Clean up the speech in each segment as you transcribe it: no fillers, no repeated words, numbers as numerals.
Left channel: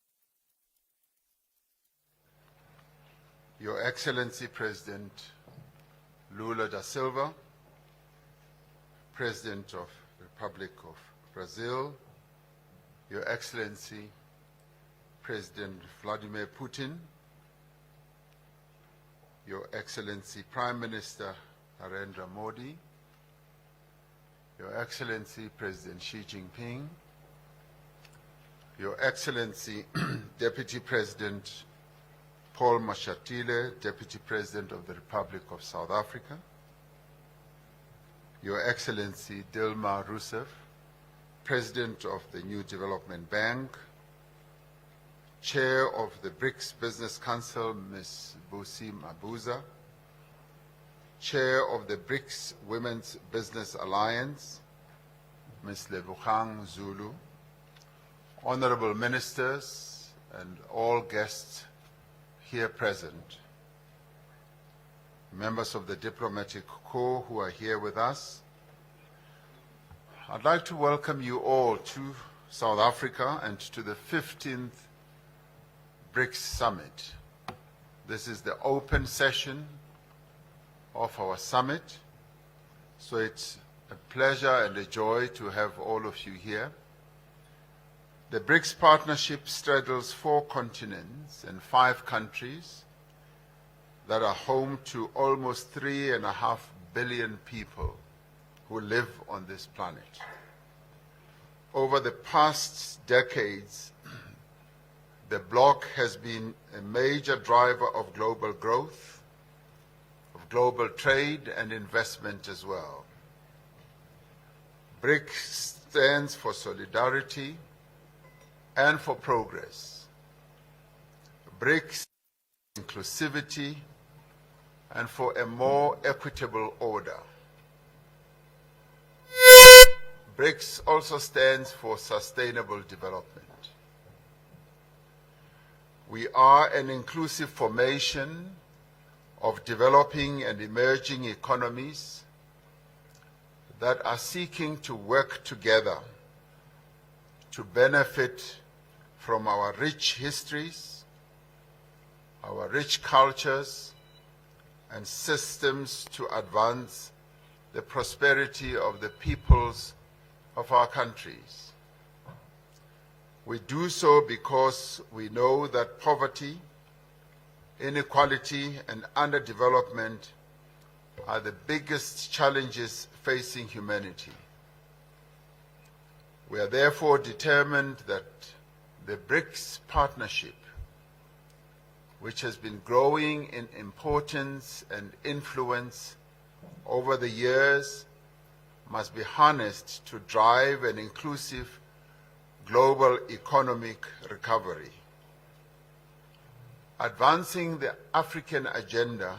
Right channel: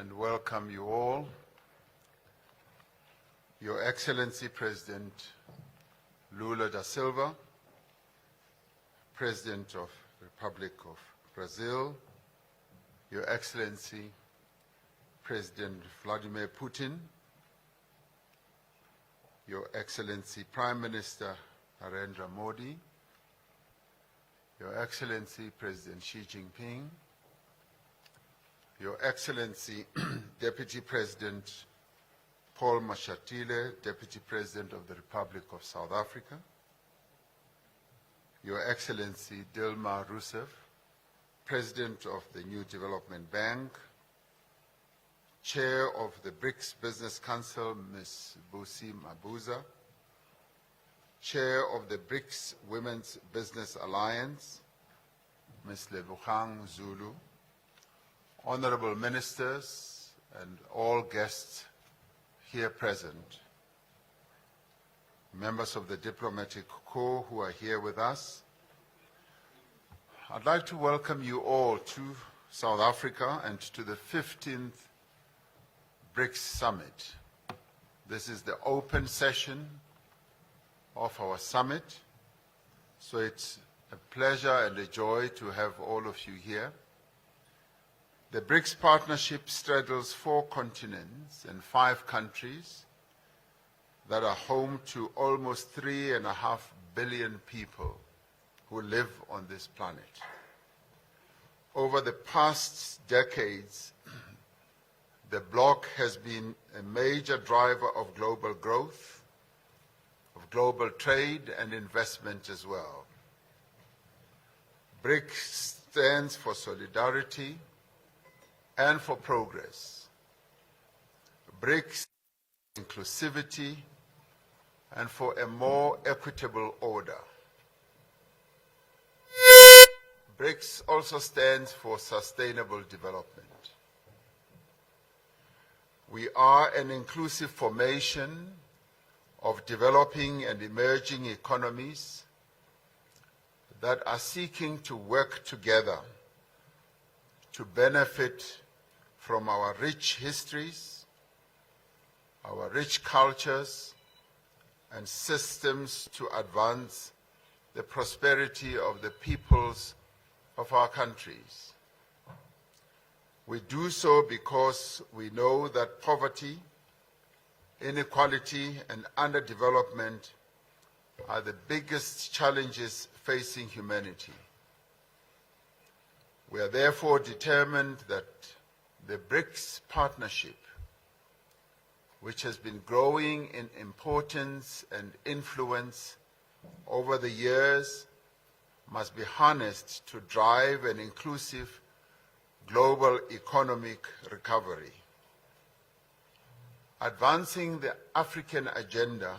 and welcome you all. Your Excellency President Lula da Silva, President of the Republic of Brazil, Your Excellency President Vladimir Putin, Your Excellency Prime Minister Narendra Modi, Your Excellency President Xi Jinping, Your Excellency Deputy President Paul Mashatile, Deputy President of the Republic of South Africa, Your Excellency Dilma Rousseff, President of the New Development Bank, Chair of the BRICS Business Council, Ms. Busi Mabuza, Chair of the BRICS Women's Business Alliance, Ms. Lebogang Zulu, Honorable Ministers and all guests here present, members of the diplomatic corps who are here with us, I'd like to welcome you all to South Africa and to the 15th BRICS Summit. This is the open session of our summit, so it's a pleasure and a joy to have all of you here. The BRICS partnership straddles 4 continents and 5 countries that are home to almost 3.5 billion people who live on this planet. Over the past decades, the bloc has been a major driver of global growth, of global trade and investment as well. BRICS stands for solidarity and for progress. BRICS for inclusivity and for a more equitable order. BRICS also stands for sustainable development. We are an inclusive formation of developing and emerging economies that are seeking to work together to benefit from our rich histories, our rich cultures, and systems to advance the prosperity of the peoples of our countries. We do so because we know that poverty, inequality, and underdevelopment are the biggest challenges facing humanity. We are therefore determined that the BRICS partnership, which has been growing in importance and influence over the years, must be harnessed to drive an inclusive global economic recovery. Advancing the African agenda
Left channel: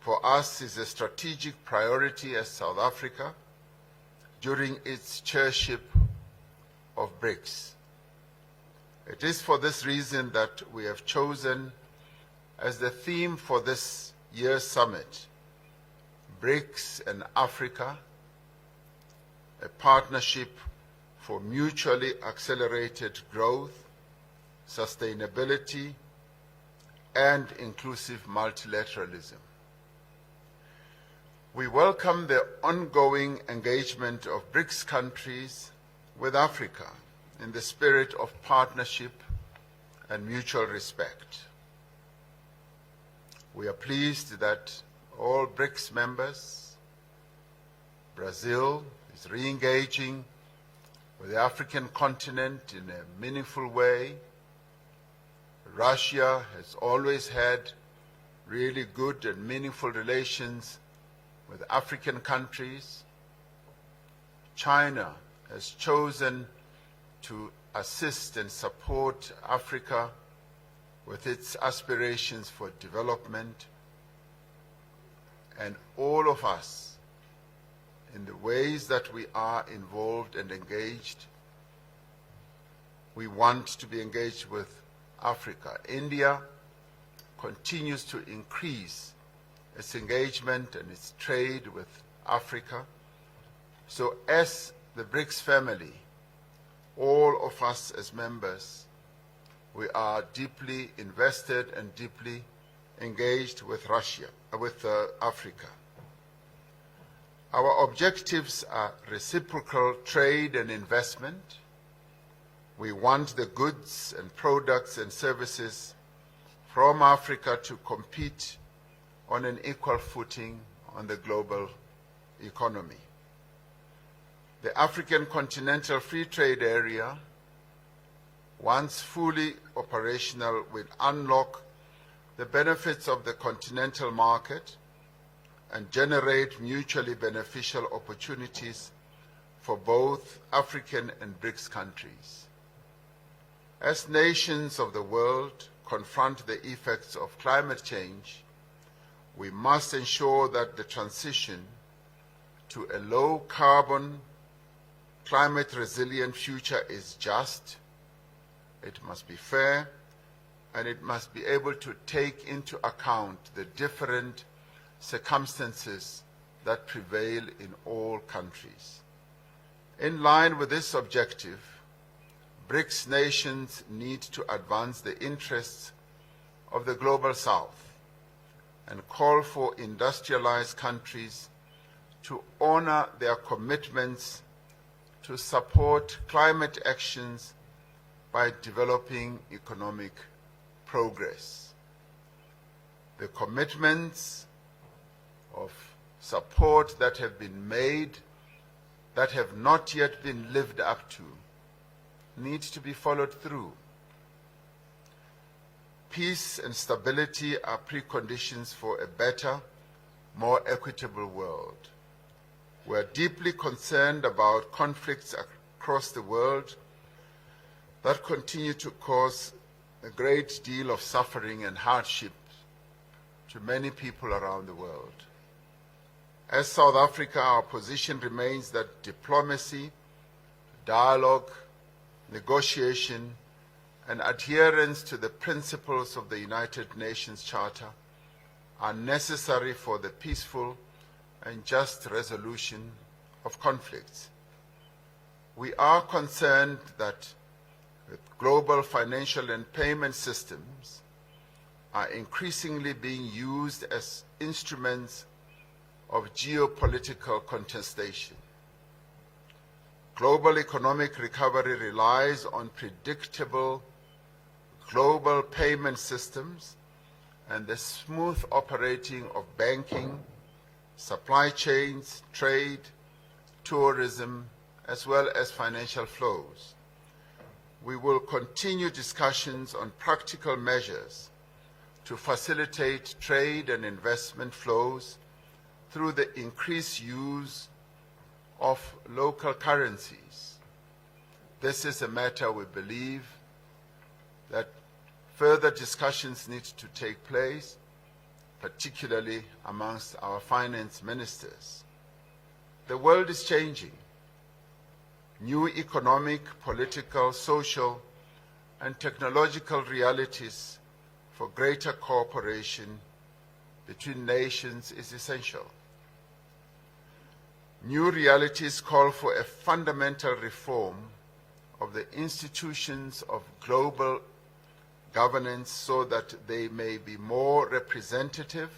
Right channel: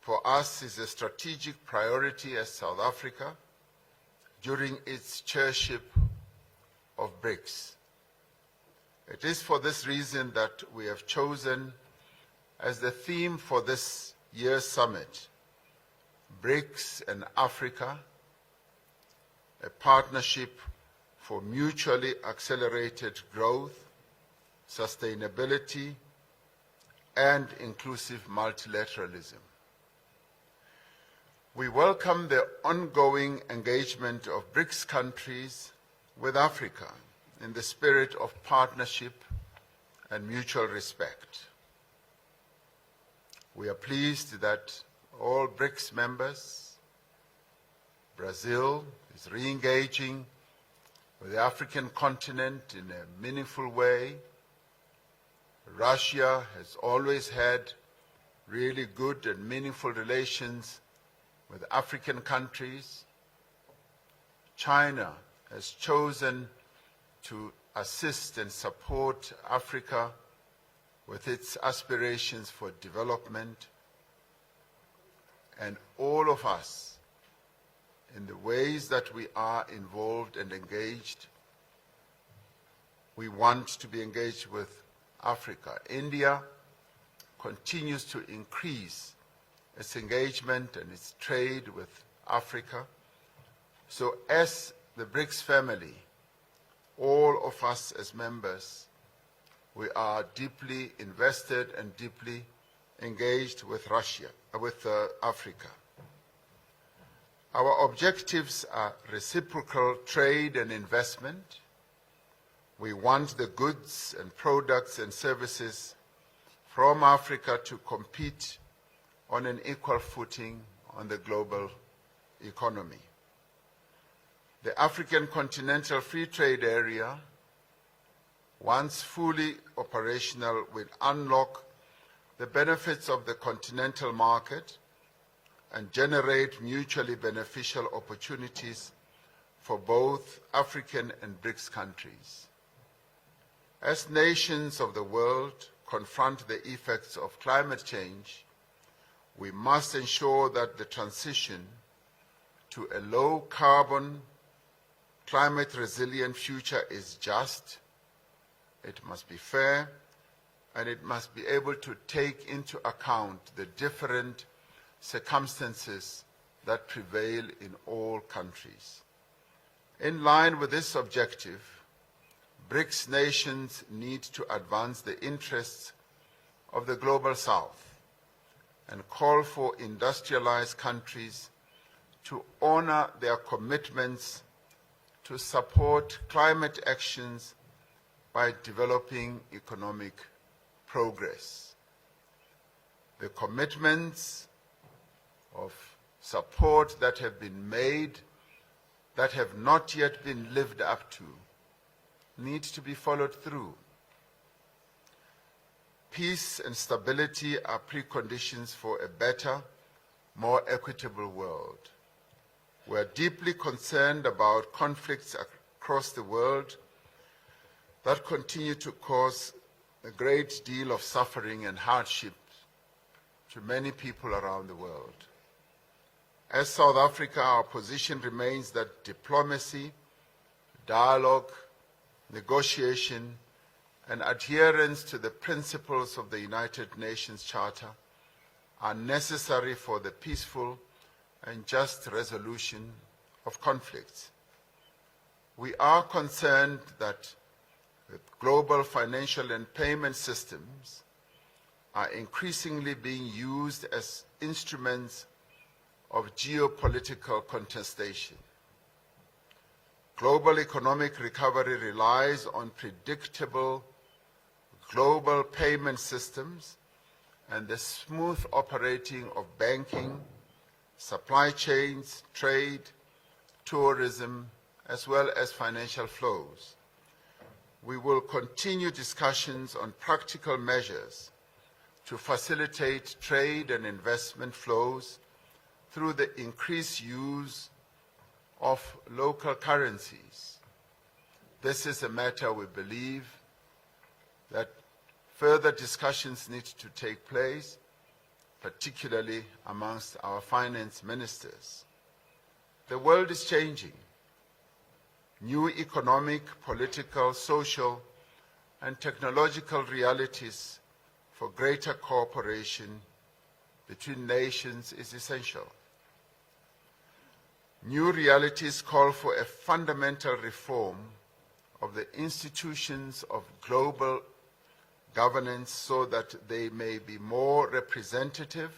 for us is a strategic priority as South Africa during its chairship of BRICS. It is for this reason that we have chosen as the theme for this year's summit, BRICS and Africa, a partnership for mutually accelerated growth, sustainability, and inclusive multilateralism. We welcome the ongoing engagement of BRICS countries with Africa in the spirit of partnership and mutual respect. We are pleased that all BRICS members, Brazil is re-engaging with the African continent in a meaningful way. Russia has always had really good and meaningful relations with African countries. China has chosen to assist and support Africa with its aspirations for development. And all of us, in the ways that we are involved and engaged, we want to be engaged with Africa. India continues to increase its engagement and its trade with Africa. So as the BRICS family, all of us as members we are deeply invested and deeply engaged with Africa. Our objectives are reciprocal trade and investment. We want the goods and products and services from Africa to compete on an equal footing on the global economy. The African Continental Free Trade Area, once fully operational, will unlock the benefits of the continental market and generate mutually beneficial opportunities for both African and BRICS countries. As nations of the world confront the effects of climate change, we must ensure that the transition to a low-carbon, climate-resilient future is just, it must be fair, and it must be able to take into account the different circumstances that prevail in all countries. In line with this objective, BRICS nations need to advance the interests of the Global South and call for industrialized countries to honor their commitments to support climate actions by developing economic progress. The commitments of support that have been made that have not yet been lived up to need to be followed through. Peace and stability are preconditions for a better, more equitable world. We are deeply concerned about conflicts across the world that continue to cause a great deal of suffering and hardship to many people around the world. As South Africa, our position remains that diplomacy, dialogue, negotiation, and adherence to the principles of the United Nations Charter are necessary for the peaceful and just resolution of conflicts. We are concerned that global financial and payment systems are increasingly being used as instruments of geopolitical contestation. Global economic recovery relies on predictable global payment systems and the smooth operating of banking, supply chains, trade, tourism, as well as financial flows. We will continue discussions on practical measures to facilitate trade and investment flows through the increased use of local currencies. This is a matter we believe that further discussions need to take place, particularly amongst our finance ministers. The world is changing. New economic, political, social, and technological realities for greater cooperation between nations is essential. New realities call for a fundamental reform of the institutions of global governance so that they may be more representative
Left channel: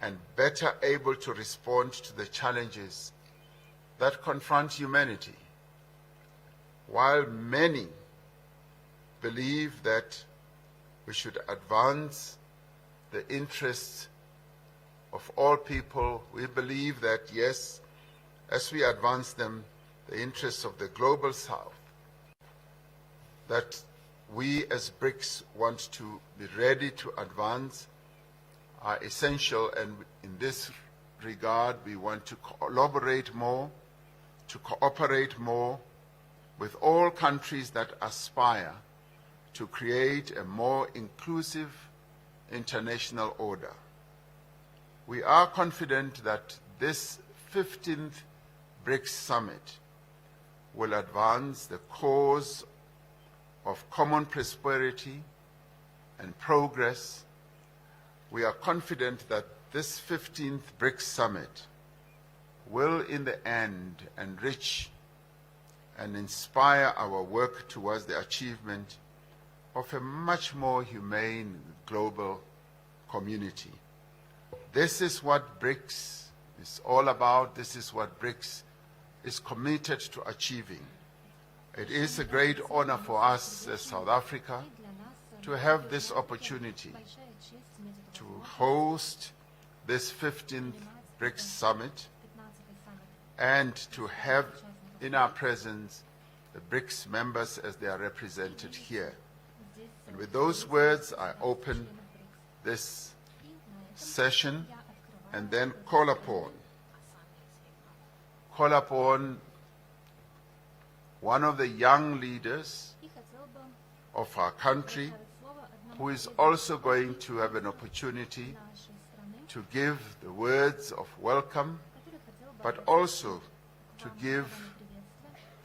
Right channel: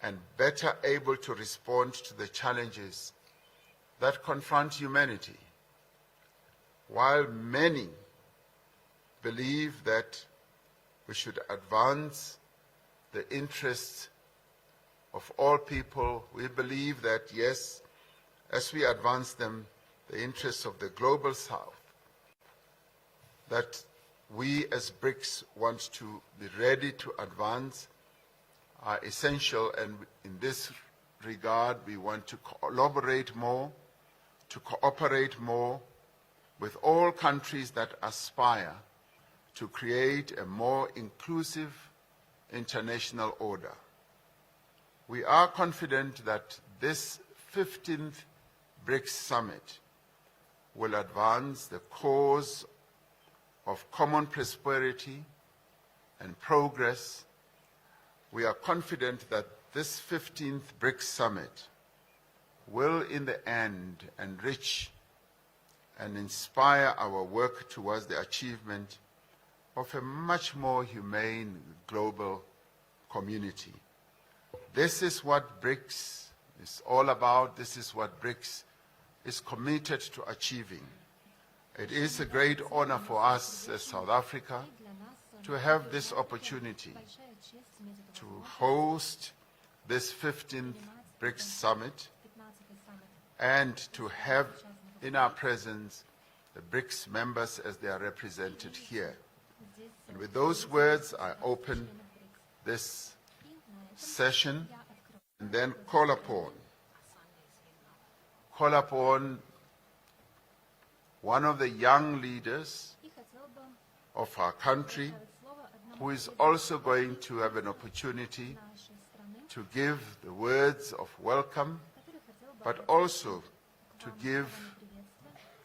and better able to respond to the challenges that confront humanity. While many believe that we should advance the interests of all people, we believe that, yes, as we advance them, the interests of the Global South, that we as BRICS want to be ready to advance are essential, and in this regard we want to collaborate more, to cooperate more with all countries that aspire to create a more inclusive international order. We are confident that this 15th BRICS Summit will advance the cause of common prosperity and progress. We are confident that this 15th BRICS Summit will in the end enrich and inspire our work towards the achievement of a much more humane global community. This is what BRICS is all about. This is what BRICS is committed to achieving. It is a great honor for us as South Africa to have this opportunity to host this 15th BRICS Summit and to have in our presence the BRICS members as they are represented here. And with those words, I open this session and then call upon one of the young leaders of our country who is also going to have an opportunity to give the words of welcome, but also to give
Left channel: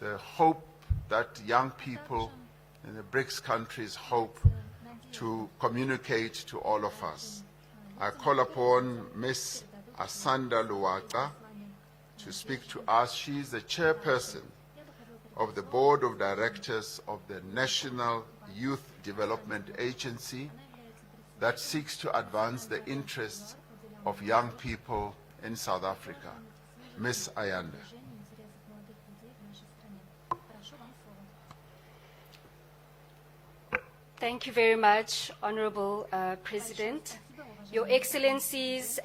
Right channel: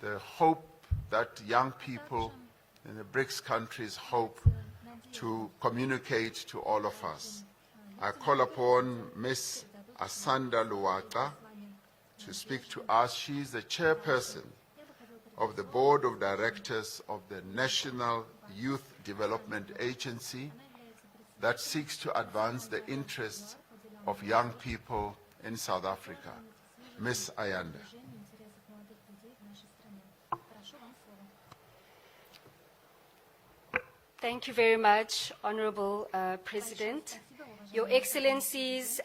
the hope that young people in the BRICS countries hope to communicate to all of us. I call upon Ms. Asanda Luwata to speak to us. She is the chairperson of the Board of Directors of the National Youth Development Agency that seeks to advance the interests of young people in South Africa. Ms. Ayanda. Thank you very much, Honorable President, Your Excellencies,